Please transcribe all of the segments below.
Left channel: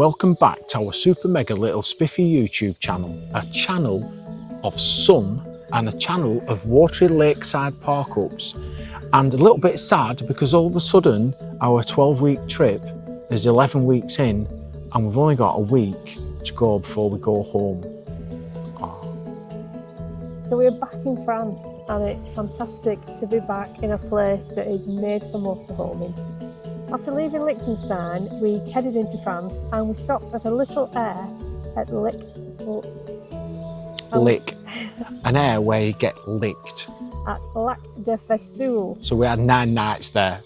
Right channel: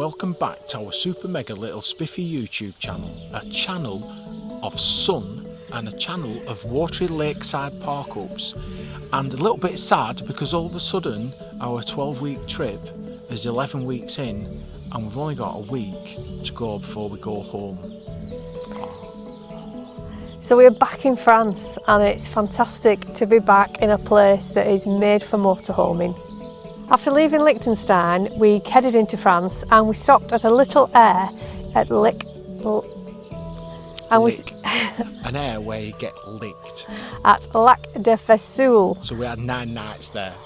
welcome back to our super mega little spiffy YouTube channel, a channel of sun and a channel of watery lakeside park-ups, and a little bit sad because all of a sudden our 12-week trip is 11 weeks in and we've only got a week to go before we go home. So we're back in France and it's fantastic to be back in a place that is made for motorhoming. After leaving Liechtenstein, we headed into France and we stopped at a little air at Lick. An air where you get licked. At Lac de Vesoul. So we had 9 nights there.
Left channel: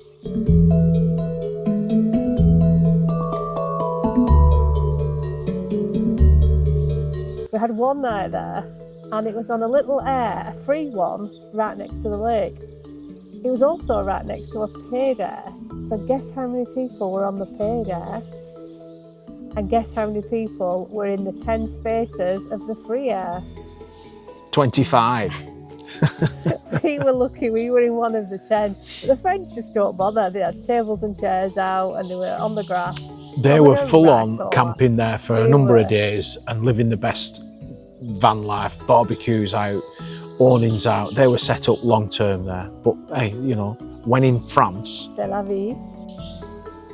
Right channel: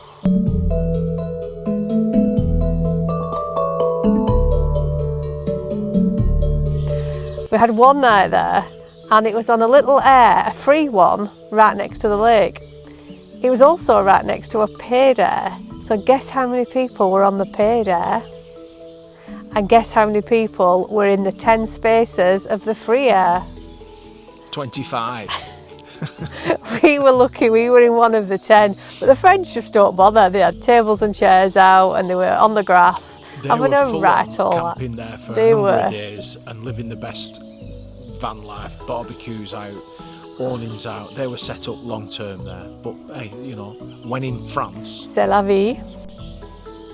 We had one night there and it was on a little air, a free one, right next to the lake. It was also right next to a paid air. So guess how many people were on the paid air? And guess how many people were in the 10 spaces of the free air? 25. We were lucky, we were in one of the 10. But the French just don't bother. They had tables and chairs out and they were on the grass. They were full on camping there for a number of days and living the best van life, barbecues out, awnings out. They were set up long term there. But hey, you know, when in France, c'est la vie.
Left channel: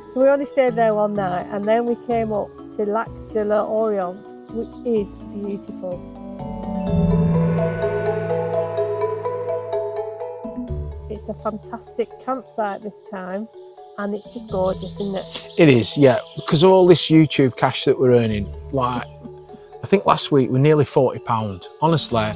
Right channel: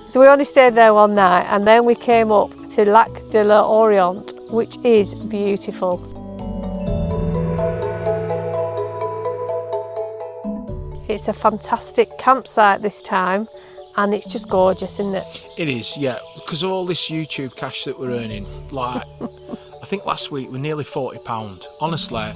So we only stayed there one night and then we came up to Lac de l'Orient, which is beautiful. It's a fantastic campsite this time and it's just gorgeous, isn't it? It is, yeah, because of all this YouTube cash that we're earning. Like, I think last week we're nearly £40. Honestly,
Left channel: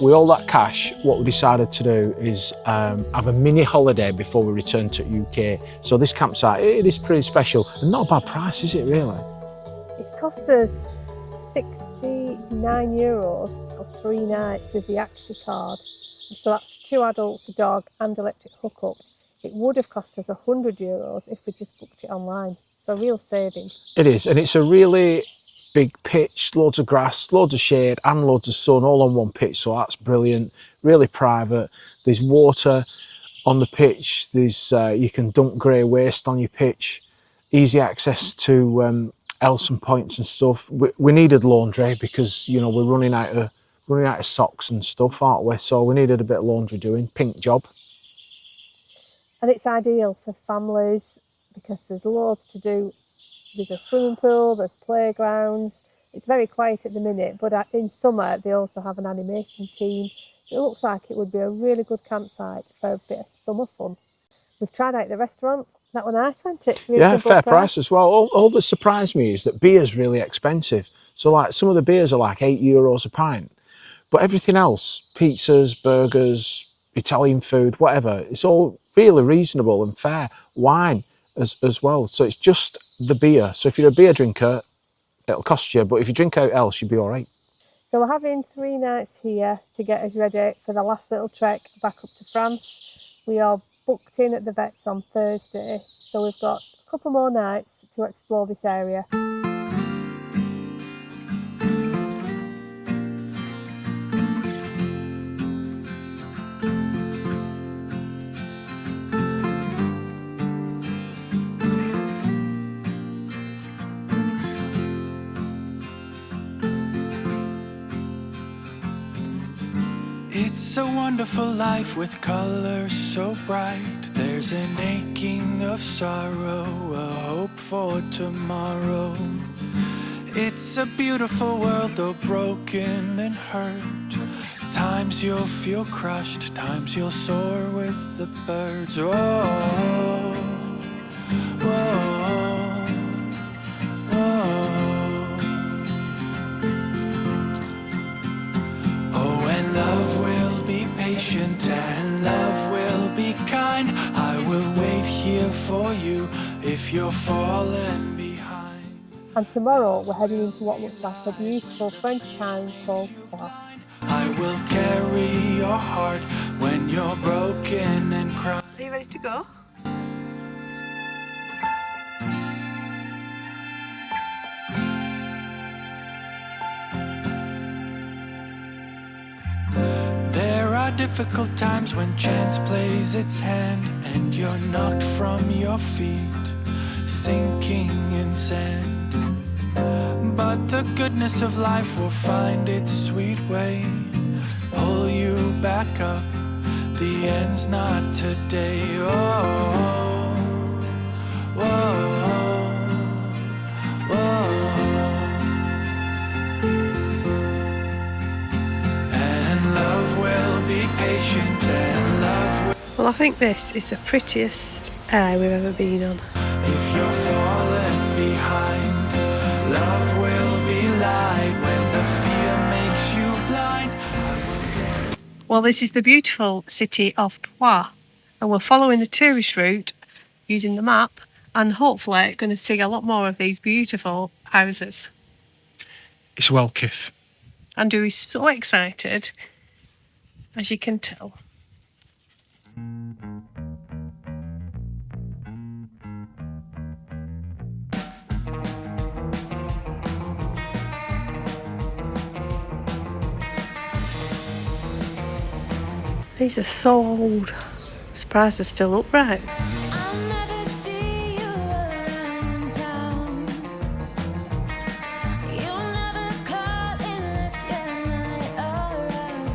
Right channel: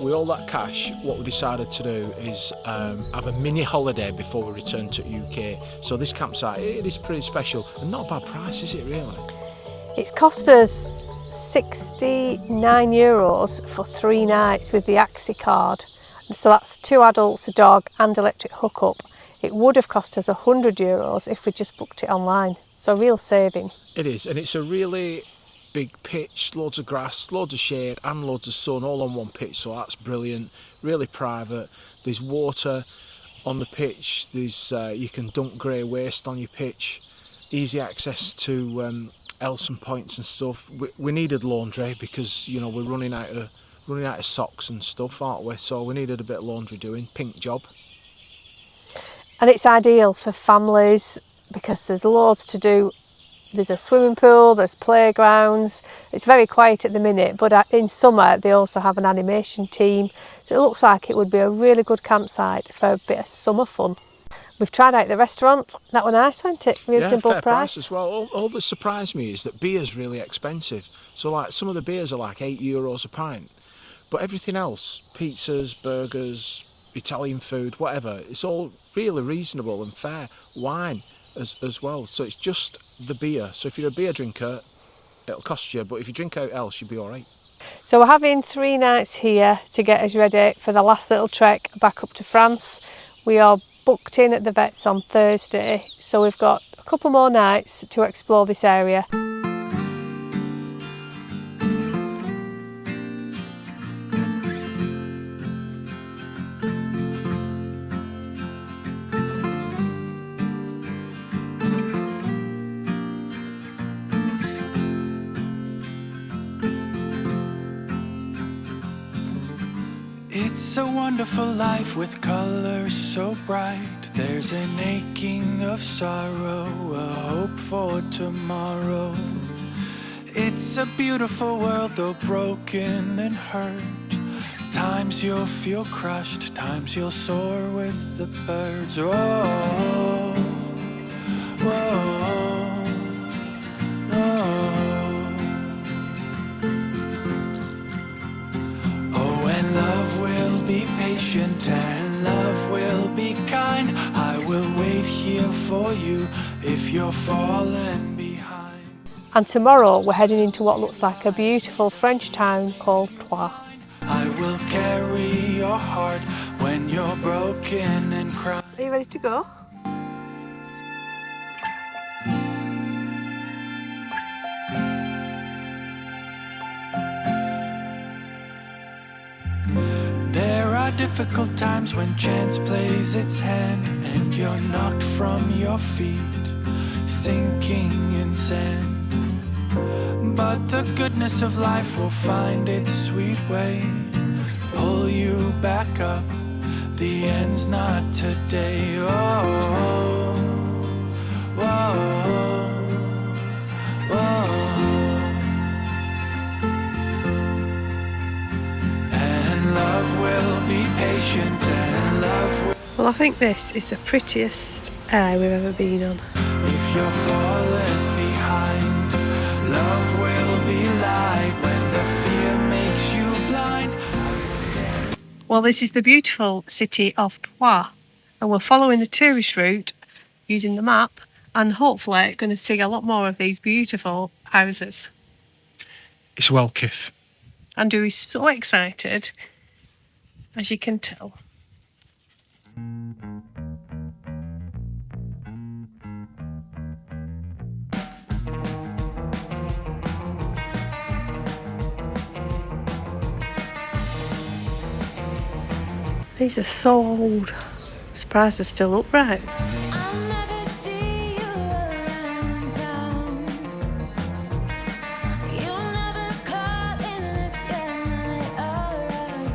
with all that cash, what we decided to do is have a mini holiday before we return to UK. So this campsite, it is pretty special and not a bad price, is it really? It's cost us €69 for 3 nights with the Axi card. So that's 2 adults, a dog and electric hookup. It would have cost us €100 if we just booked it online. So real saving. It is, and it's a really big pitch, loads of grass, loads of shade and loads of sun all on one pitch, so that's brilliant, really private. There's water on the pitch, there's you can dump grey waste on your pitch, easy access to Elson points and stuff. We needed laundry because, you know, we're running out of socks and stuff, aren't we? So we needed a bit of laundry doing, pink job. And it's ideal for families because there's loads to do. There's a swimming pool, there's playgrounds. It's very quiet at the minute, but in summer they also have an animation team. So it looks like it would be a really good campsite for a bit of summer fun. We've tried out the restaurant. That was nice, wasn't it? Yeah, fair price as well. All that surprised me is that beer's really expensive. So like some of the beers are like €8 a pint, but everything else, pizzas, burgers, Italian food, whatever, it's all really reasonable and fair. Wine as well. So it's just the beer. So if you're a beer drinker, it'll cost you, but if you drink out else, you'll be all right. So we're having 3 nights here to get us ready for the last little trek back up to France. We are booked in at the vets on Thursday, so we've got a couple more nights to explore this area. It's a wonderful life with colours so bright. There's an aching of sorrow, a hope for tomorrow. It's a beautiful world though broken and hurt. Times you'll feel crushed, times you'll soar with the birds. Oh, whoa, whoa. Love will be patient and love will be kind. I will wait here for you if you're falling behind. And tomorrow we're heading into what looks like a beautiful French town called Troyes. I will carry your heart when you're broken and crying. Are you ready to go? There are difficult times when chance plays its hand and you're knocked from your feet, sinking in sand. but the goodness of life will find its sweet way. Pull you back up, the end's not today. Oh, whoa, whoa. And love will be patient, and love will. Well, I think this is the prettiest air we've ever been on. If you're falling behind, love will be light when the fear makes you blind. Well, this is the beautiful city of Troyes, and we're following the tourist route using the map, and hopefully going to see a lot more of these beautiful houses. It's well kiff. Andrew is so excited, as you can tell. These are so old. I'm surprised they're still upright. I'll never see you around town. You'll never call unless you're not around.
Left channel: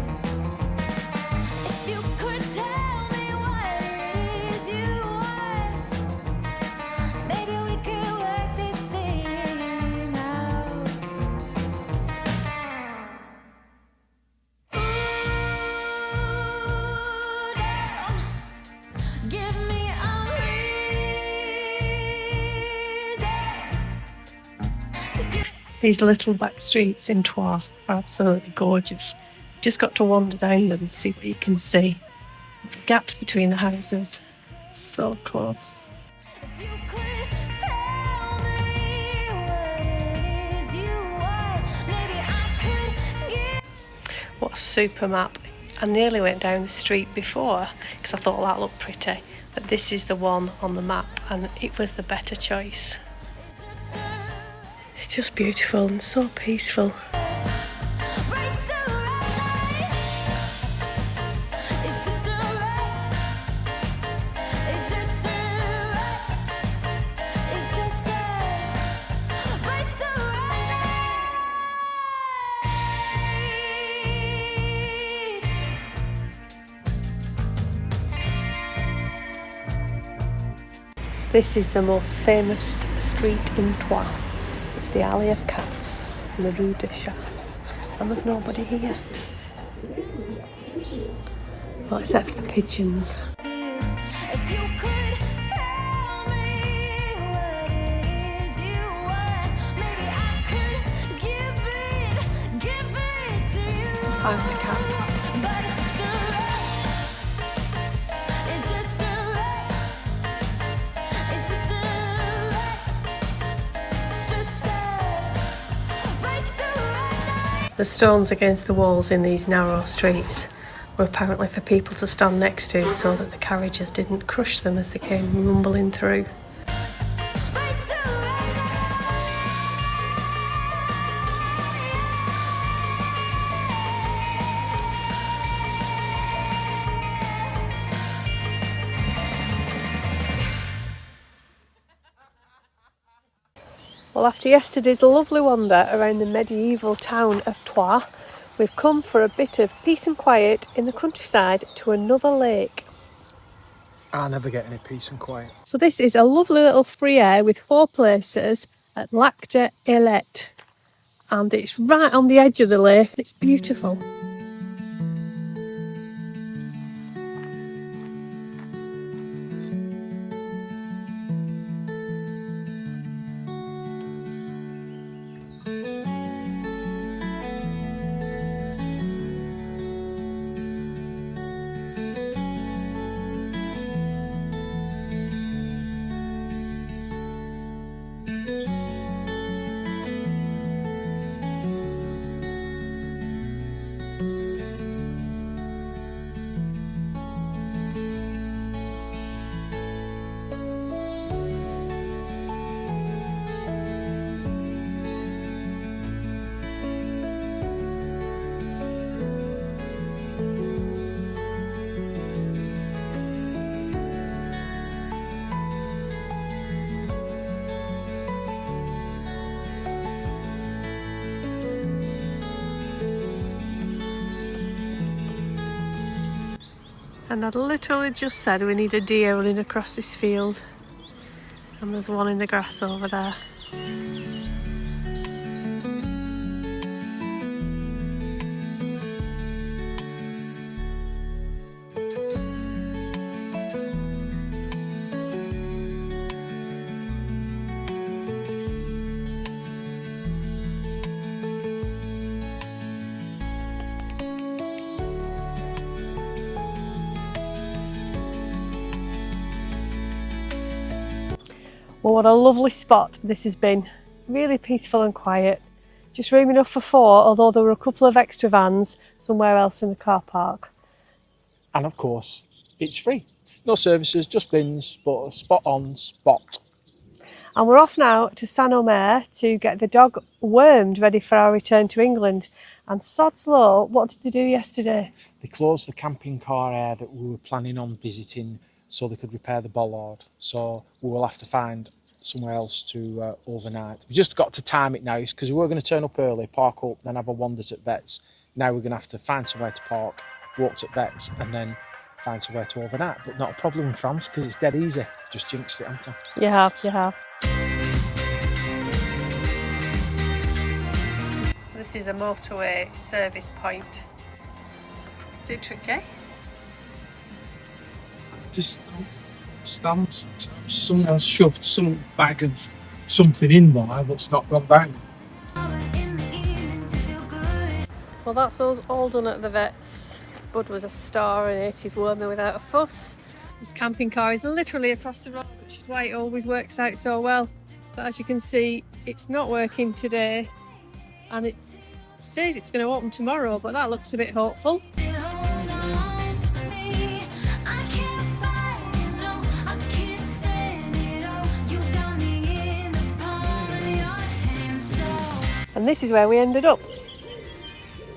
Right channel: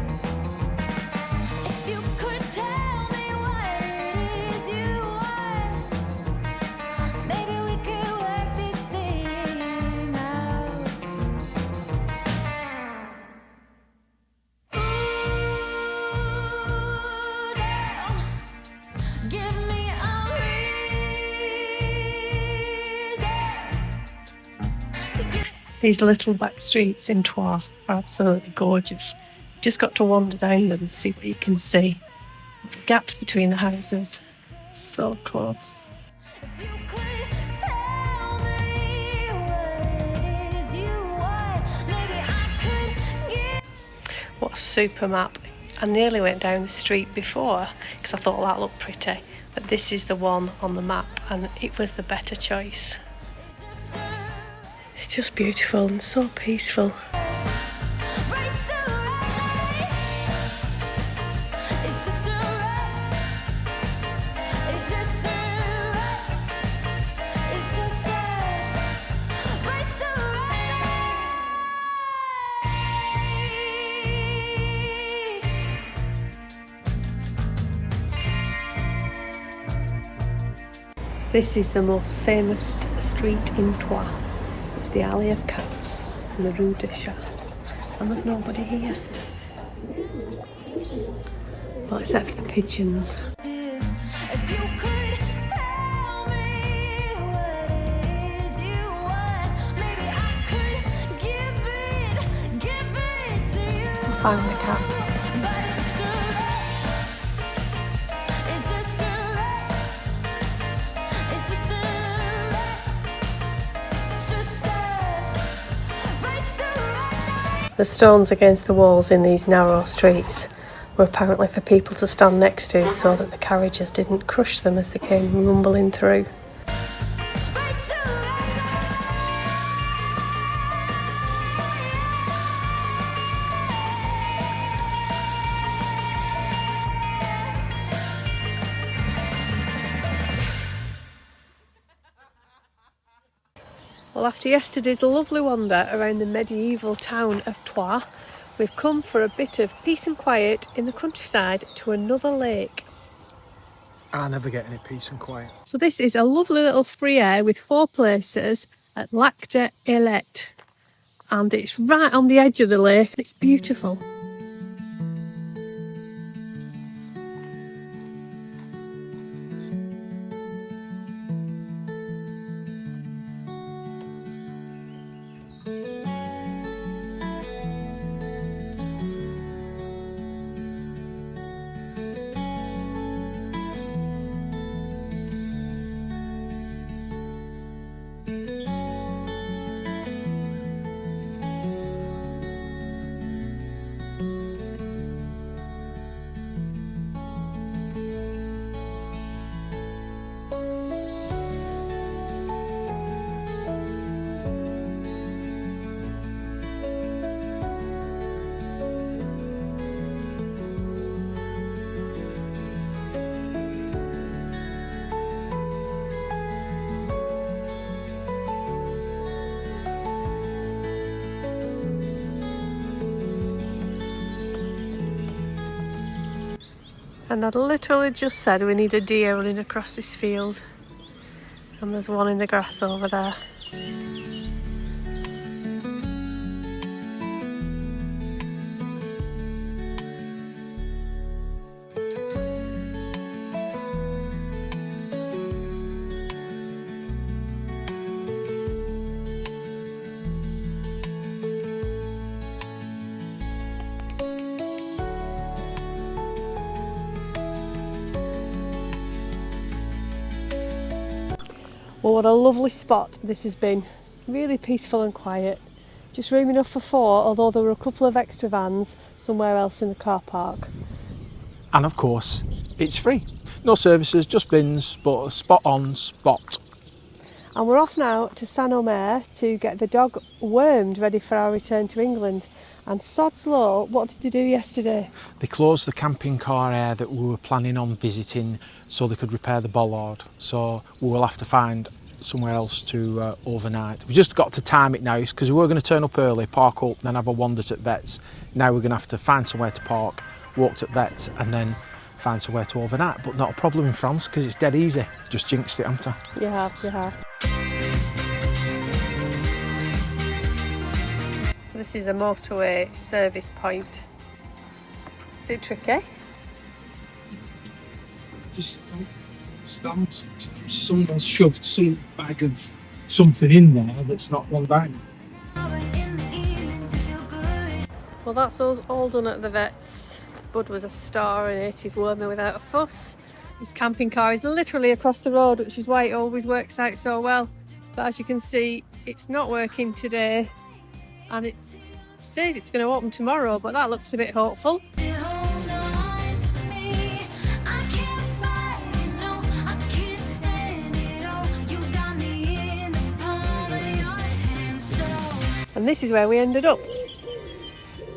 If you could tell me what it is you want, maybe we could work this thing out. Ooh, down. Give me a reason. These little back streets in Troyes are absolutely gorgeous. Just got to wander down them and see what you can see. The gaps between the houses, so close. If you could tell me what it is you want, maybe I could give. What a super map. I nearly went down the street before because I thought that looked pretty, but this is the one on the map and it was the better choice. It's just beautiful and so peaceful. Right, so right. It's just a race. It's just a race. It's just a right, so right. This is the most famous street in Troyes. It's the Alley of Cats, the Rue de Chat, and there's nobody here. Well, except for the pigeons. If you could tell me what it is you want, maybe I could give it to you. Find the cat. But it's just a race. It's just a race. It's just a race. It's just a race to right. The stones against the walls in these narrow streets were apparently for people to stand next to so that the carriages didn't crush them as they came rumbling through. Race to right. Well, after yesterday's lovely wander around the medieval town of Troyes, we've come for a bit of peace and quiet in the countryside to another lake. I never get any peace and quiet. So this is a lovely little free air with 4 places at Lancashire, and it's right on the edge of the lake. It's beautiful. And I'd literally just said we need a deer running across this field. And there's one in the grass over there. Well, what a lovely spot this has been. Really peaceful and quiet. Just room enough for 4, although there were a couple of extra vans somewhere else in the car park. And of course, it's free. No services, just bins, but a spot on spot. And we're off now to Saint-Omer to get the dog wormed ready for our return to England. And sod's law, what did they do yesterday? They closed the camping car area that we were planning on visiting so they could repair the bollard. So we will have to find somewhere else to overnight. We just got to time it now because we were going to turn up early, park up, then have a wander at Vets. Now we're going to have to find somewhere to park, walk to Vets, and then find somewhere to overnight. But not a problem in France because it's dead easy. Just jinxed it, haven't I? You have, you have. So this is a motorway service point. Is it tricky? Just stands. Someone's shoved some bag of something in there that's not gone down. Well, that's us all done at the Vets. Bud was a star in it, he's worn me without a fuss. This camping car is literally across the road, which is why it always works out so well. But as you can see, it's not working today, and it says it's going to open tomorrow, but that looks a bit hopeful. And this is where we ended up.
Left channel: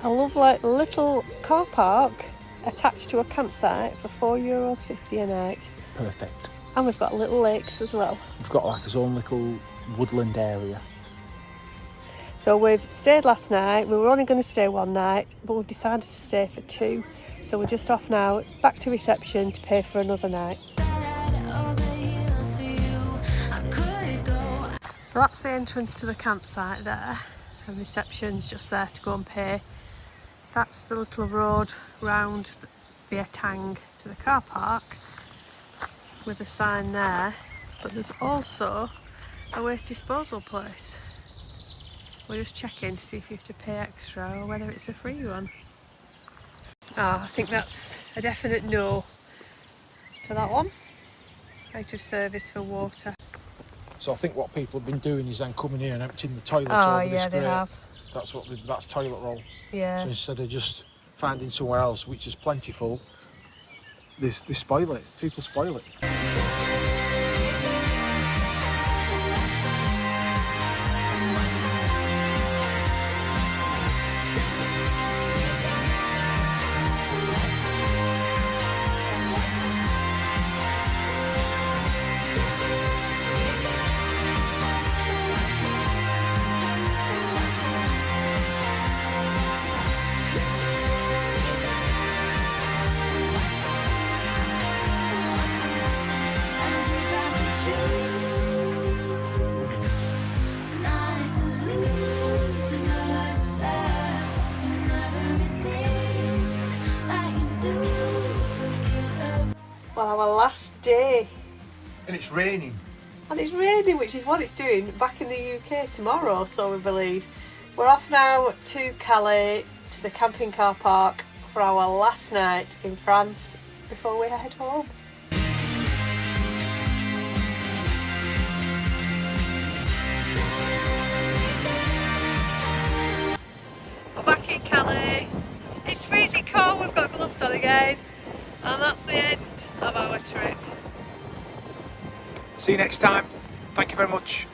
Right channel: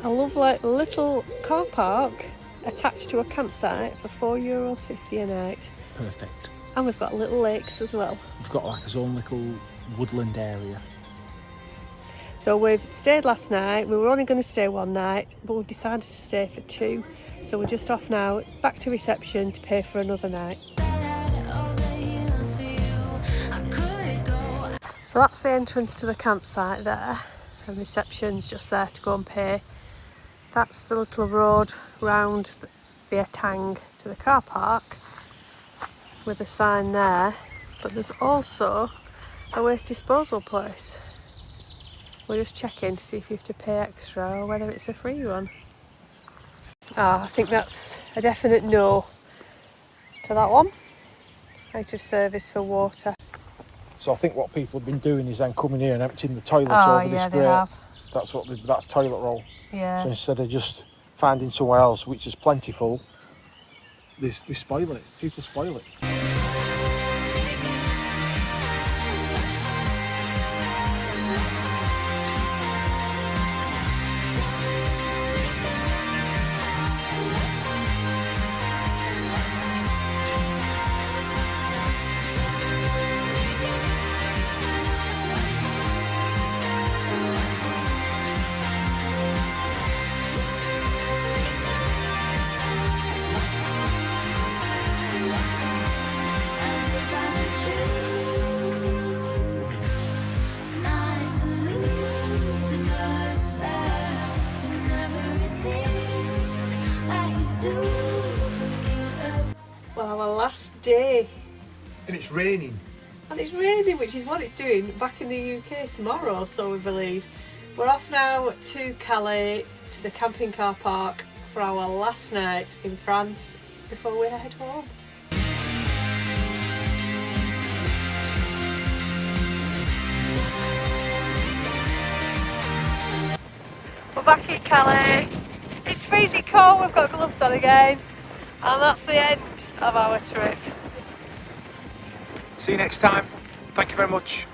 A lovely little car park attached to a campsite for €4.50 a night. Perfect. And we've got little lakes as well. We've got like our own little woodland area. So we've stayed last night. We were only going to stay one night, but we've decided to stay for 2. So we're just off now, back to reception to pay for another night. So that's the entrance to the campsite there, and reception's just there to go and pay. That's the little road round the etang to the car park with a sign there, but there's also a waste disposal place. We're just checking to see if you have to pay extra or whether it's a free one. Oh, I think that's a definite no to that one. Out of service for water. So I think what people have been doing is then coming here and emptying the toilet Oh over yeah, this they grate. have. That's toilet roll. Yeah. So instead of just finding somewhere else which is plentiful, they spoil it. People spoil it. Well, our last day. And it's raining. And it's raining, which is what it's doing back in the UK tomorrow, so we believe. We're off now to Calais, to the camping car park for our last night in France before we head home. We're back in Calais. It's freezing cold, we've got gloves on again. And that's the end of our trip. See you next time. Thank you very much.